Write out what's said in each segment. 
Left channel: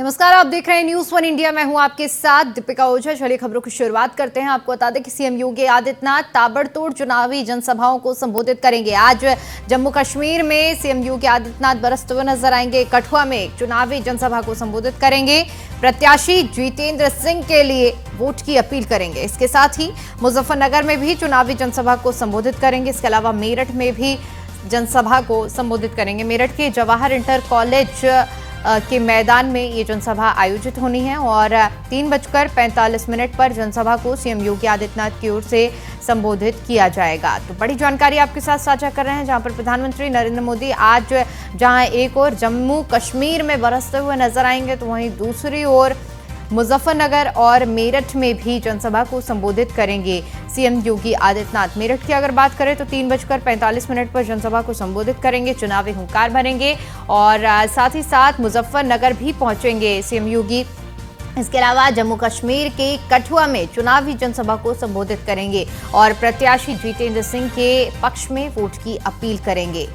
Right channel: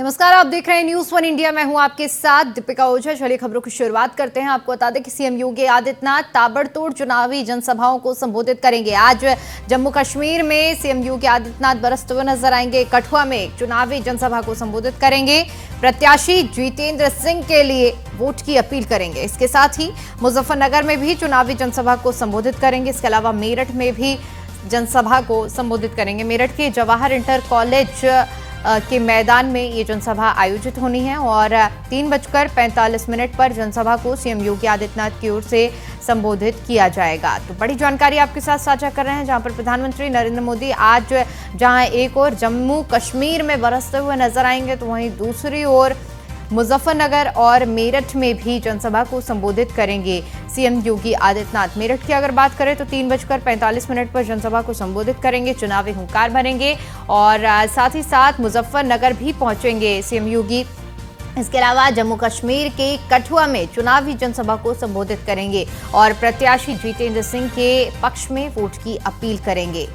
नमस्कार, आप देख रहे हैं न्यूज़ वन इंडिया। मैं हूं आपके साथ दीपिका ओझा। चलिए खबरों की शुरुआत करते हैं। आपको बता दें कि सीएम योगी आदित्यनाथ ताबड़तोड़ चुनावी जनसभाओं को संबोधित करेंगे। आज जम्मू कश्मीर में सीएम योगी आदित्यनाथ बरसते हुए नजर आएंगे। कठुआ में चुनावी जनसभा को संबोधित करेंगे। प्रत्याशी जितेंद्र सिंह के लिए वोट की अपील करेंगे। इसके साथ ही मुजफ्फरनगर में भी चुनावी जनसभा को संबोधित करेंगे। इसके अलावा मेरठ में भी जनसभा को संबोधित करेंगे। मेरठ के जवाहर इंटर कॉलेज के मैदान में ये जनसभा आयोजित होनी है और 3:45 पर जनसभा को सीएम योगी आदित्यनाथ की ओर से संबोधित किया जाएगा। तो बड़ी जानकारी आपके साथ साझा कर रहे हैं, जहां पर प्रधानमंत्री नरेंद्र मोदी आज जहां एक ओर जम्मू कश्मीर में बरसते हुए नजर आएंगे, तो वहीं दूसरी ओर मुजफ्फरनगर और मेरठ में भी जनसभा को संबोधित करेंगे सीएम योगी आदित्यनाथ। मेरठ की अगर बात करें तो 3:45 पर जनसभा को संबोधित करेंगे, चुनावी हुंकार भरेंगे और साथ ही साथ मुजफ्फरनगर भी पहुंचेंगे सीएम योगी। इसके अलावा जम्मू कश्मीर के कठुआ में चुनावी जनसभा को संबोधित करेंगे और प्रत्याशी जितेंद्र सिंह के पक्ष में वोट की अपील करेंगे।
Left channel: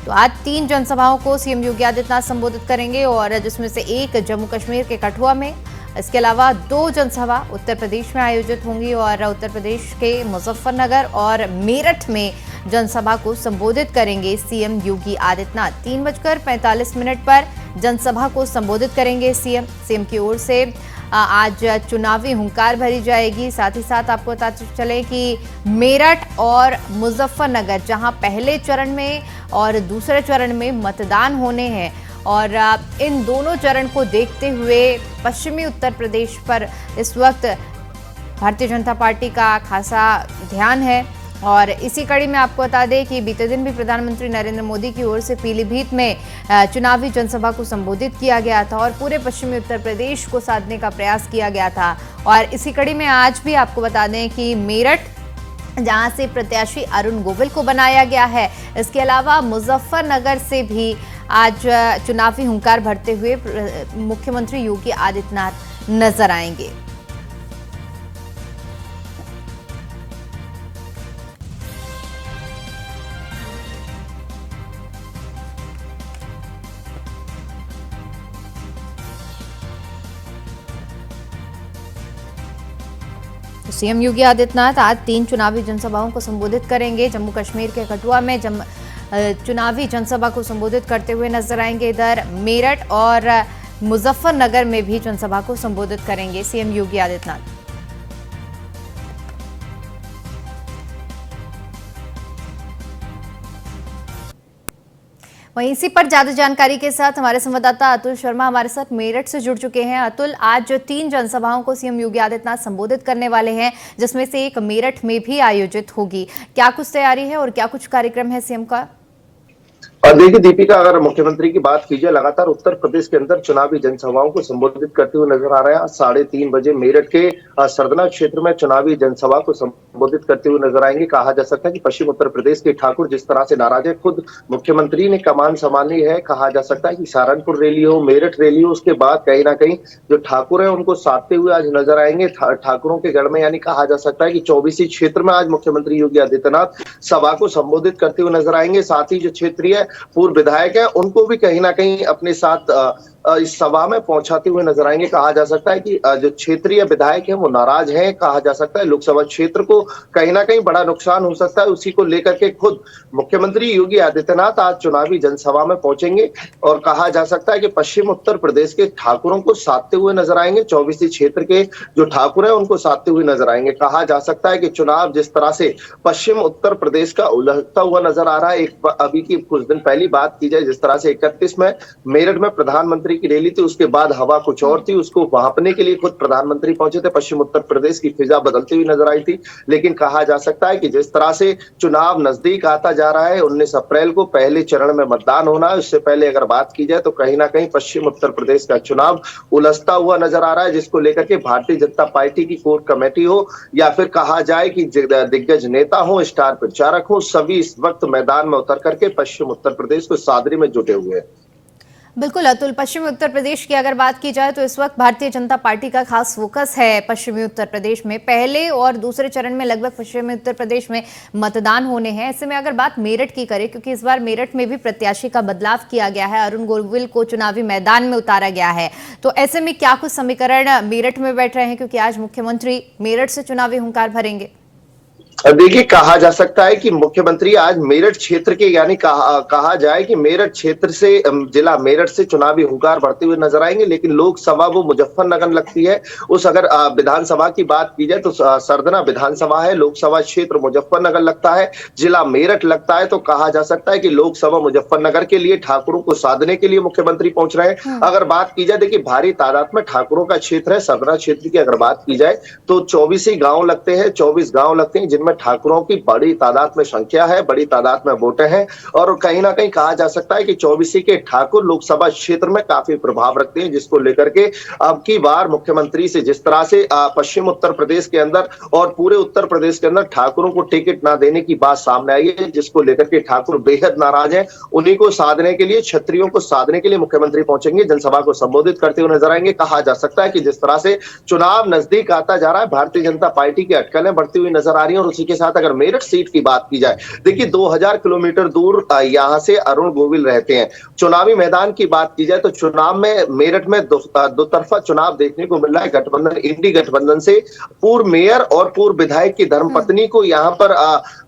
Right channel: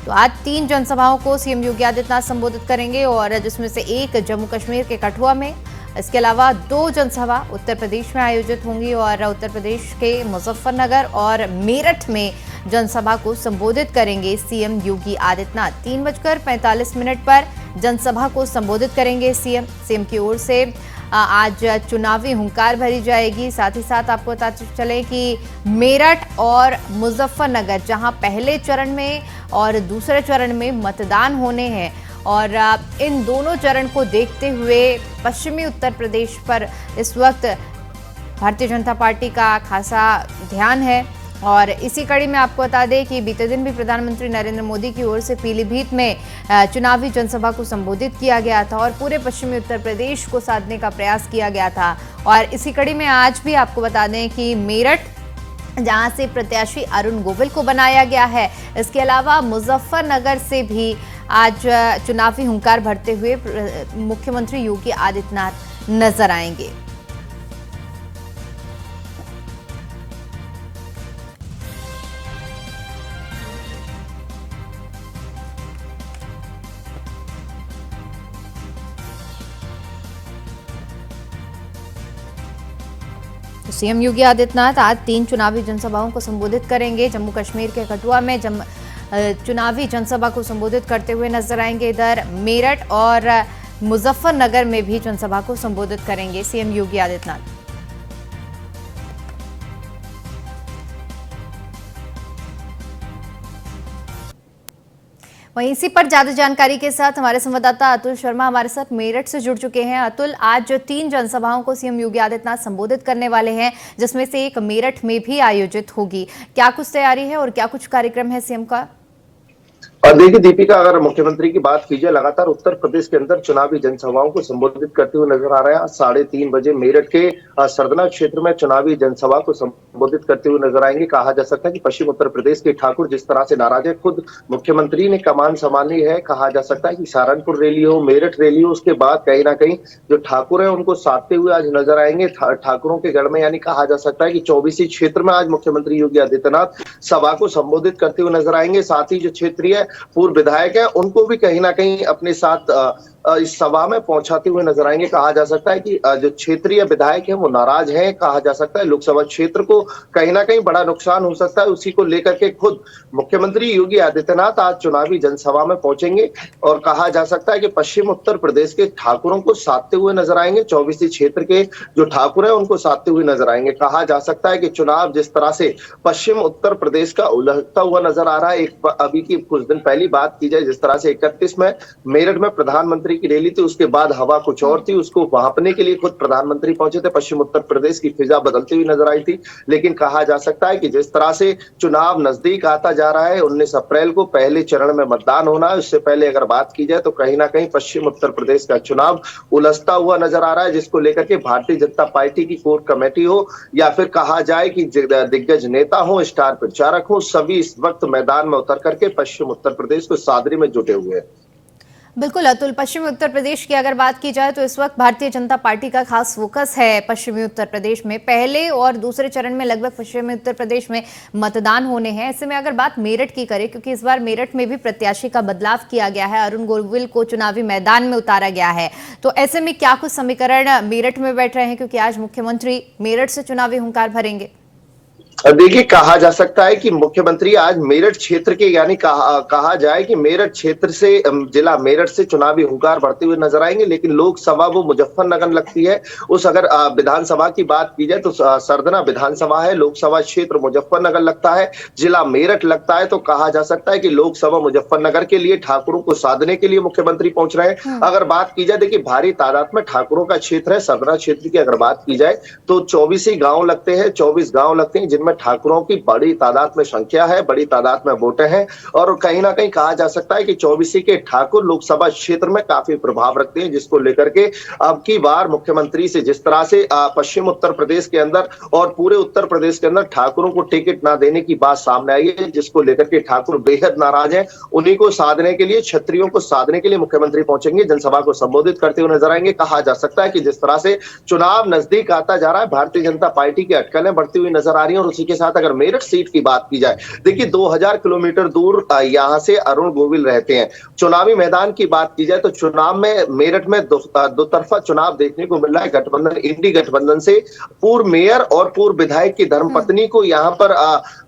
तो आज 3 जनसभाओं को सीएम योगी आदित्यनाथ संबोधित करेंगे और जिसमें से एक जम्मू कश्मीर के कठुआ में, इसके अलावा 2 जनसभा उत्तर प्रदेश में आयोजित होंगी और उत्तर प्रदेश के मुजफ्फरनगर और मेरठ में जनसभा को संबोधित करेंगे सीएम योगी आदित्यनाथ। 3:45 पर जनसभा को संबोधित करेंगे सीएम की ओर से आज चुनावी हुंकार भरी जाएगी। साथ ही साथ आपको बताते चले कि मेरठ और मुजफ्फरनगर, जहां पहले चरण में और दूसरे चरण में मतदान होने हैं और इन दोनों चरण को देखते हुए पश्चिमी उत्तर प्रदेश पर इस वक्त भारतीय जनता पार्टी का खासा ध्यान है। और इसी कड़ी में आपको बता दें कि बीते दिन भी प्रधानमंत्री नरेंद्र मोदी की ओर से पीलीभीत में चुनावी जनसभा को संबोधित किया गया था और पूरे पश्चिमी उत्तर प्रदेश को साधने का प्रयास किया गया था। और इसी कड़ी में आज भी आपको बता दें कि मेरठ, जहां से प्रत्याशी अरुण गोविल को बनाया गया है, इसके अलावा मुजफ्फरनगर से भी आज चुनावी हुंकार भरते हुए मुख्यमंत्री योगी आदित्यनाथ नजर आएंगे। सीएम योगी आदित्यनाथ आज 3 चुनावी जनसभाओं को संबोधित करेंगे। जम्मू कश्मीर के कठुआ में चुनावी जनसभा को संबोधित करते हुए नजर आएंगे। इधर मेरठ और मुजफ्फरनगर में भी जनसभा को संबोधित करेंगे सीएम योगी आदित्यनाथ। वहीं इसी पर ज्यादा जानकारी के साथ हमारे संवाददाता अतुल शर्मा हमारे साथ मेरठ से जुड़ चुके हैं। अतुल, आज 3 जनसभाओं को सीएम योगी आदित्यनाथ संबोधित करने वाले हैं, जिसमें से एक मेरठ में भी आयोजित होगी। क्या कुछ तैयारी है और क्या कुछ कार्यक्रम है सीएम का? देखिए दीपिका, अगर मुख्यमंत्री की बात कीजिए, लगातार उत्तर प्रदेश के अंदर चुनावी जनसभाओं को संबोधित करते हुए नजर आ रहे हैं। 3:30 बजे मेरठ के सरदना क्षेत्र में चुनावी जनसभा को संबोधित करते हुए नजर आएंगे। कहा जा सकता है कि पश्चिम उत्तर प्रदेश के ठाकुर जिस तरह से नाराज है, खुद मुख्यमंत्री ने कमान संभाली है। कहा जा सकता है कि सहारनपुर रैली हो, मेरठ रैली हो, उसके बाद कहीं ना कहीं जो ठाकुर है उनको साधते हुए आज नजर आएंगे ठाकुरों के गढ़ में। यानी कहा जा सकता है कि 24 क्षेत्र में आज मुख्यमंत्री योगी आदित्यनाथ सभा को संबोधित करते हुए नजर आएंगे। साथ ही जो क्षेत्रीय पूर्व विधायक है उनको भी कहीं ना कहीं अपने साथ इस सभा में पहुंचाते हुए नजर आएंगे। कहा जा सकता है कि जो क्षेत्रीय विधायक है वो नाराज हैं। कहा जा सकता है लोकसभा क्षेत्र को कहीं ना कहीं बड़ा नुकसान हो सकता है, उसी को लेकर के खुद मुख्यमंत्री योगी आदित्यनाथ आज चुनावी जनसभा में पहुंचेंगे और कहा जा सकता है कि पश्चिम उत्तर प्रदेश के ठाकुरों को साधते हुए नजर आएंगे। 24 क्षेत्र के जो ठाकुर है उनको साधते हुए नजर आएंगे। कहा जा सकता है कि चुनाव जिस तरह से पश्चिम उत्तर प्रदेश का उलझता हुआ नजर आ रहा है, एक अभी की कुछ दिन पहली बात की जाए, जिस तरह से 31 में मेरठ में प्रधानमंत्री की रैली थी, उसके बाद हवा कुछ और थी, उसको भांपने के लिए खुद प्रधानमंत्री पहुंचे थे। पश्चिम उत्तर प्रदेश की फिजा बदलती हुई नजर आई थी। लेकिन कहा जा सकता है कि जिस तरह से चुनाव नजदीक आता जा रहा है, 19 अप्रैल को पहले चरण में मतदान होना है। उससे पहले अगर बात की जाए तो कहीं ना कहीं पश्चिम उत्तर प्रदेश का चुनाव उलझता हुआ नजर आ रहा है, जिसको लेकर के भारतीय जनता पार्टी की कोर कमेटी हो या फिर कहा जाए कि दिग्गज नेता हो, स्टार प्रचारक हो, सभी इस वक्त मैदान में उतर करके पश्चिम उत्तर प्रदेश को साधने में जुटे हुए हैं। बिल्कुल अतुल, पश्चिमी उत्तर प्रदेश की अगर बात की जाए तो इस वक्त भारतीय जनता पार्टी का खास फोकस है पश्चिमी उत्तर प्रदेश में। पहले और दूसरे चरण में लगभग पश्चिमी उत्तर प्रदेश में मतदान होने हैं। ऐसे में अगर बात मेरठ की करें, क्योंकि इस बार मेरठ में भी प्रत्याशी का बदलाव किया गया है, अरुण गोविल को चुनावी मैदान में उतारा गया है, तो ऐसे में क्या कुछ समीकरण मेरठ में बैठ रहे हैं, क्योंकि आज मुख्यमंत्री मेरठ से चुनावी हुंकार भरेंगे? देखिए, कहा जा सकता है कि मुख्यमंत्री आज मेरठ क्षेत्र के यानी कहा जाए कि मेरठ क्षेत्र से जिला मेरठ से चुनावी हुंकार भरते हुए नजर आएंगे, लेकिन लोकसभा वो मुजफ्फरनगर लगती है। उस अगर विधानसभा की बात की जाए तो सरदना विधानसभा है, लोकसभा क्षेत्र मुजफ्फरनगर लगता है, जिला मेरठ लगता है। तो कहा जा सकता है कि लोकसभा मुजफ्फरनगर के लिए ठाकुरों को साधने के लिए मुख्यमंत्री पहुंच रहे हैं। अगर बात की जाए, देखिए भारी तादाद में ठाकुरों का क्षेत्र है। सरदना क्षेत्र की अगर बात की जाए तो 24 ही गांव लगते हैं, 24 गांव लगते हैं, जिनमें ठाकुरों की बड़ी तादाद में संख्या है, बड़ी तादाद में वोटें हैं। और कहीं ना कहीं कहा जा सकता है कि 24 के ठाकुर लोकसभा क्षेत्र में काफी प्रभाव रखते हैं, जिसको लेकर के अब की बार मुख्यमंत्री से जिस तरह से पश्चिम उत्तर प्रदेश के अंदर और पूरे उत्तर प्रदेश के अंदर ठाकुरों को टिकट ना देने की बात सामने आई है, जिसको लेकर के ठाकुर बेहद नाराज है। उन्हीं को साधने के लिए, क्षत्रियों को साधने के लिए मुख्यमंत्री पहुंचेंगे, जनसभा को संबोधित करते हुए नजर आएंगे। कहा जा सकता है कि जिस तरह से चुनाव नजदीक आता जा रहा है, भारतीय जनता पार्टी की अटकलें बढ़ती हुई नजर आ रही है। और उसी के साथ अगर मेरठ सीट की बात की जाए, देखिए 2000 किलोमीटर दूर यहां से अरुण गोविल रहते हैं। चुनावी मैदान की बात की जाए तो चुनाव में मेरठ में दो तरफा चुनाव देखने को मिल रहा है। गठबंधन, इंडी गठबंधन से पूर्व मेयर और पूर्व विधायक की धर्मपत्नी को यहां पर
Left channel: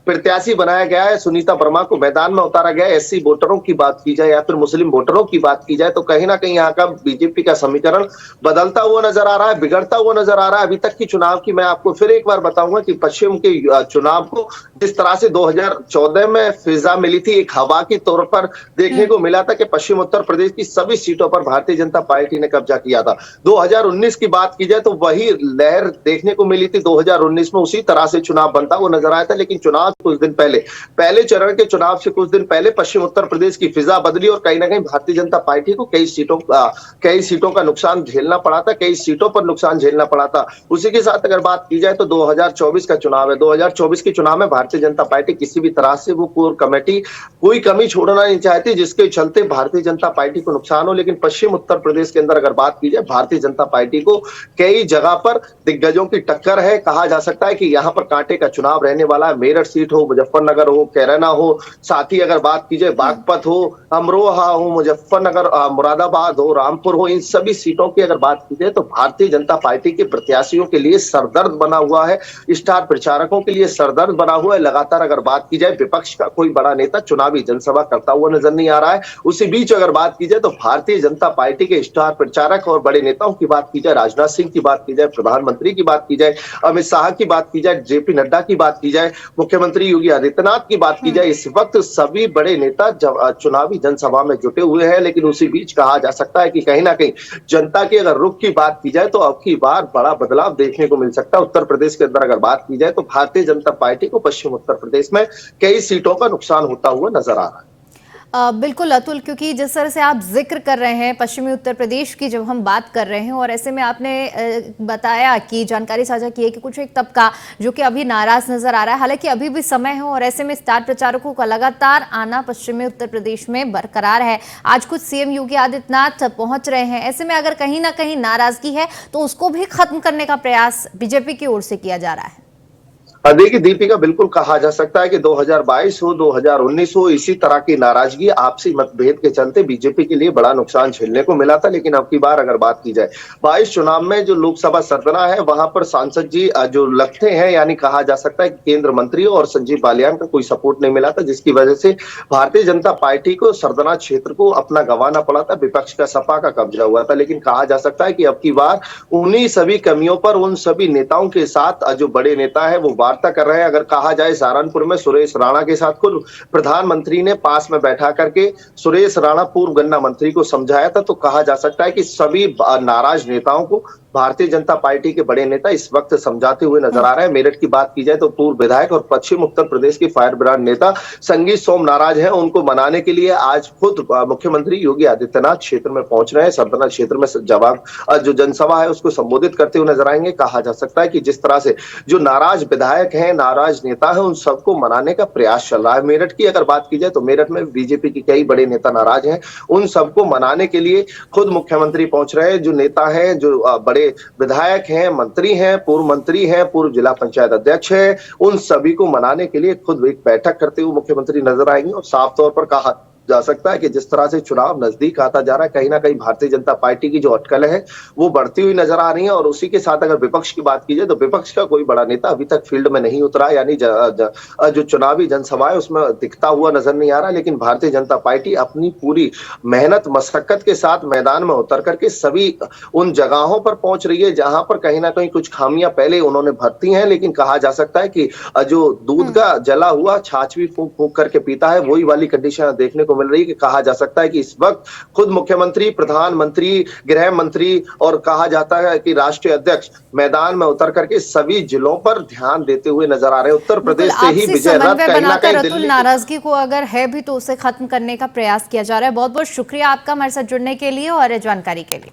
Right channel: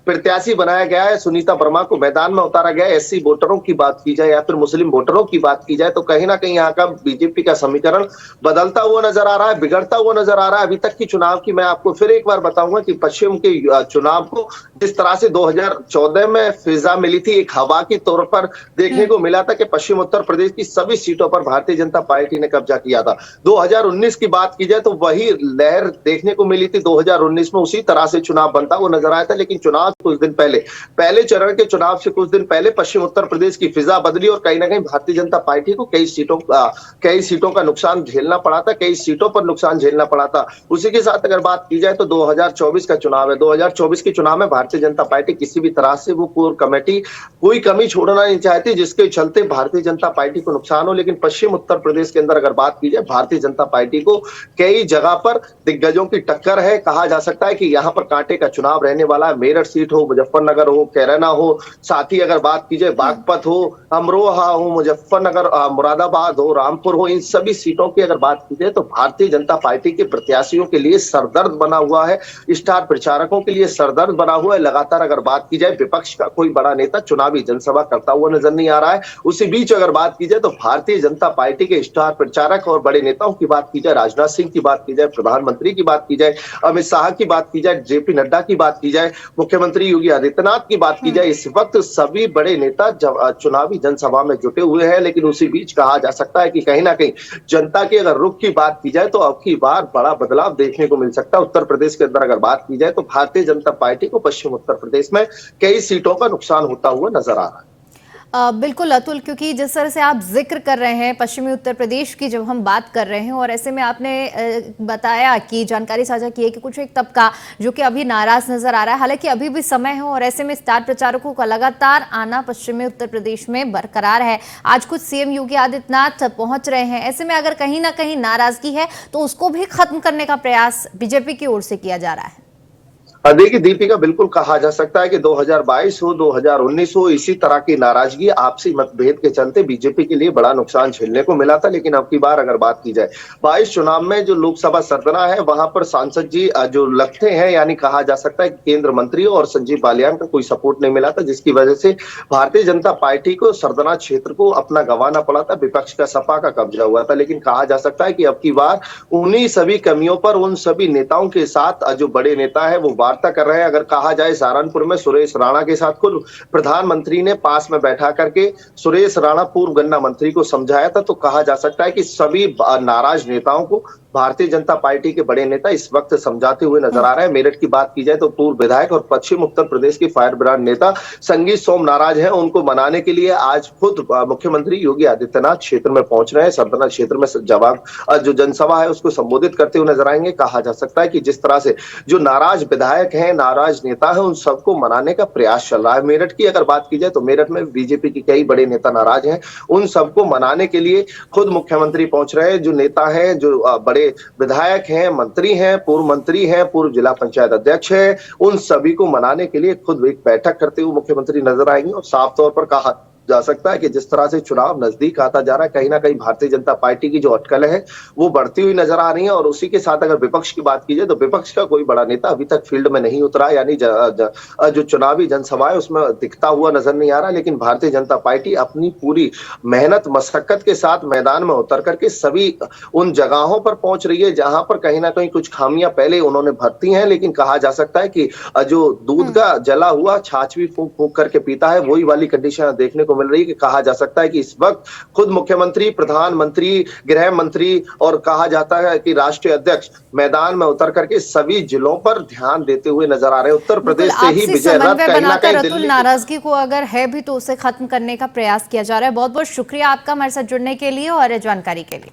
प्रत्याशी बनाया गया है, सुनीता वर्मा को मैदान में उतारा गया है। एससी वोटरों की बात की जाए या फिर मुस्लिम वोटरों की बात की जाए तो कहीं ना कहीं यहाँ का बीजेपी का समीकरण बदलता हुआ नजर आ रहा है, बिगड़ता हुआ नजर आ रहा है। अभी तक की चुनाव की मैं आपको फिर एक बार बताऊंगा कि पश्चिम के चुनाव को जिस तरह से 2014 में फिजा मिली थी, एक हवा के तौर पर देखने को मिला था कि पश्चिम उत्तर प्रदेश की सभी सीटों पर भारतीय जनता पार्टी ने कब्जा किया था। 2019 की बात की जाए तो वही लहर देखने को मिली थी। 2019 में उसी तरह से चुनाव बनता हुआ नजर आया था, लेकिन चुनाव कुछ दिन पहले चरण के चुनाव से कुछ दिन पहले पश्चिम उत्तर प्रदेश की फिजा बदली और कहीं ना कहीं भारतीय जनता पार्टी को कई सीटों का नुकसान झेलना पड़ा था, कई सीटों पर नुकसान झेलना पड़ा था। उसी के साथ अगर बात की जाए तो 2024 का चुनाव है। 2024 के चुनाव में भारतीय जनता पार्टी किसी भी तरह से वो कोर कमेटी कोई कमी छोड़ना नहीं चाहती, जिसके चलते भारतीय जनता पार्टी को नुकसान हो। लेकिन पश्चिम उत्तर प्रदेश के अंदर अगर बात की जाए, भारतीय जनता पार्टी को कई जगह पर दिग्गजों की टक्कर है। कहा जा सकता है कि यहाँ पर कांटे का चुनाव रहने वाला है। मेरठ सीट हो, मुजफ्फरनगर हो, कैराना हो, साथ ही अगर बात की जाए बागपत हो, अमरोहा हो, मुजफ्फरनगर, मुरादाबाद हो, रामपुर हो, इन सभी सीटों की अगर बात की जाए तो भारतीय जनता पार्टी के प्रत्याशियों के लिए सरदर्द बना हुआ है, स्टार प्रचारकों के लिए सरदर्द बना हुआ है। लगातार अगर बात की जाए विपक्ष का कोई बड़ा नेता चुनावी जनसभा करता हुआ नजर नहीं आ रहा है। उसी बीच अगर बात की जाए तो भारतीय जनता पार्टी के स्टार प्रचारक और बड़े नेताओं की बात की जाए, राजनाथ सिंह की बात की जाए, प्रधानमंत्री की बात की जाए, अमित शाह की बात की जाए, जेपी नड्डा की बात की जाए, मुख्यमंत्री योगी आदित्यनाथ की बात की जाए, इस वक्त सभी बड़े नेता चुनावी जनसभा में जुटे हुए हैं। लेकिन उसी बीच कहा जा सकता है कि कहीं ना कहीं जनता के अगर रुख की बात की जाए तो अब की बार बड़ा बदलाव देखने को मिल सकता है। उत्तर प्रदेश के अंदर अगर बात की जाए तो भारतीय जनता पार्टी को पश्चिम उत्तर प्रदेश में कई सीटों का नुकसान होता हुआ नजर आ रहा है। बिल्कुल अतुल, क्योंकि जिस तरह से आप जिक्र कर रहे हैं पश्चिमी उत्तर प्रदेश की, जब हम बात कर रहे हैं और ऐसे में आपने बताया कि जानकारी साझा की है कि कुछ एक तबका जो कि अभी नाराज नजर आ रहा है, हालांकि अभी भी समय है और ऐसे में स्टार प्रचारकों का लगातार आना पश्चिमी उत्तर प्रदेश में बरकरार है। आज कुछ सीएम योगी आदित्यनाथ पहुंच रहे हैं, ऐसे में अगर कहीं ना कहीं नाराजगी है तो उसको भी खत्म करने का प्रयास बीजेपी की ओर से किया जा रहा है। देखिए दीपिका, बिल्कुल कहा जा सकता है कि 2022 हो, 2019 हो, इसी तरह की नाराजगी, आपसी मतभेद के चलते बीजेपी के लिए बड़ा नुकसान झेलने को मिला था। लेकिन अब की बार अगर बात की जाए 22 चुनाव में जो लोकसभा सरदना है वहां पर सांसद जी जो लगते हैं, यानी कहा जा सकता है कि केंद्र मंत्री और संजीव बालियान का कोई सपोर्ट नहीं मिला था, जिसकी वजह से भारतीय जनता पार्टी को सरदना क्षेत्र को अपना गंवाना पड़ा था। विपक्ष का सपा का कब्जा हुआ था। लेकिन कहा जा सकता है कि अब की बार उन्हीं सभी कमियों पर उन सभी नेताओं के साथ जो बड़े नेता है वो वार्ता कर रहे हैं। अगर कहा जाए सहारनपुर में सुरेश राणा के साथ खुद प्रधानमंत्री ने पास में बैठा करके सुरेश राणा पूर्व गन्ना मंत्री को समझाया था। तो कहा जा सकता है कि सभी नाराज नेताओं को भारतीय जनता पार्टी के बड़े नेता इस वक्त समझाते हुए नजर आ रहे हैं। मेरठ की बात की जाए तो पूर्व विधायक और पश्चिम उत्तर प्रदेश के फायर ब्रांड नेता संगीत सोम नाराज हैं। उनको मनाने के लिए आज खुद मुख्यमंत्री योगी आदित्यनाथ क्षेत्र में पहुंच रहे हैं। सरदना क्षेत्र में जो जनसभा है उसको संबोधित करते हुए नजर आएंगे। कहा जा सकता है कि जिस तरह से जो नाराज विधायक हैं, नाराज नेता है, उन सबको मनाने का प्रयास चल रहा है। मेरठ की अगर बात की जाए तो मेरठ में बीजेपी के कई बड़े नेता नाराज हैं। उन सबको मनाने के लिए खुद मुख्यमंत्री पहुंच रहे हैं। जो नेता हैं, जो बड़े विधायक हैं, मंत्री हैं, पूर्व जिला पंचायत अध्यक्ष हैं, उन सभी को मनाने के लिए खुद एक बैठक करते हुए मुख्यमंत्री नजर आएंगे। और साफ तौर पर कहा जा सकता है कि जिस तरह से चुनाव नजदीक आता जा रहा है, कहीं ना कहीं भारतीय जनता पार्टी की जो अटकलें हैं वो बढ़ती हुई नजर आ रही है। और उसी के साथ अगर विपक्ष की बात की जाए तो विपक्ष का कोई बड़ा नेता अभी तक फील्ड में नहीं उतरा, यानी जो चुनावी जनसभा है उसमें दिखता हुआ नजर नहीं आ रहा। लेकिन भारतीय जनता पार्टी अपनी पूरी मेहनत मशक्कत के साथ मैदान में उतर करके सभी उन जगहों पर पहुंच रही है जहां पर कहीं ना कहीं कुछ खामियां पहले उन्होंने भरती हैं। लेकिन कहा जा सकता है कि जो दूध का जला हुआ छाछ भी फूंक फूंक करके पीता है, वही वाली कंडीशन देखने को मिल रही है। कि कहा जा सकता है कि इस वक्त खुद मुख्यमंत्री, प्रधानमंत्री, गृह मंत्री और कहा जाता है कि राष्ट्रीय अध्यक्ष मैदान में उतर करके सभी जिलों पर ध्यान देते हुए नजर आ रहे हैं। उत्तर प्रदेश से ही विजय रथ कहीं ना कहीं दिल्ली नाराजगी को अगर है भी तो उसे खत्म करने का प्रयास किया जा रहा है। बहुत बहुत शुक्रिया आपका हमारे साथ जुड़ने के लिए और जानकारी के लिए।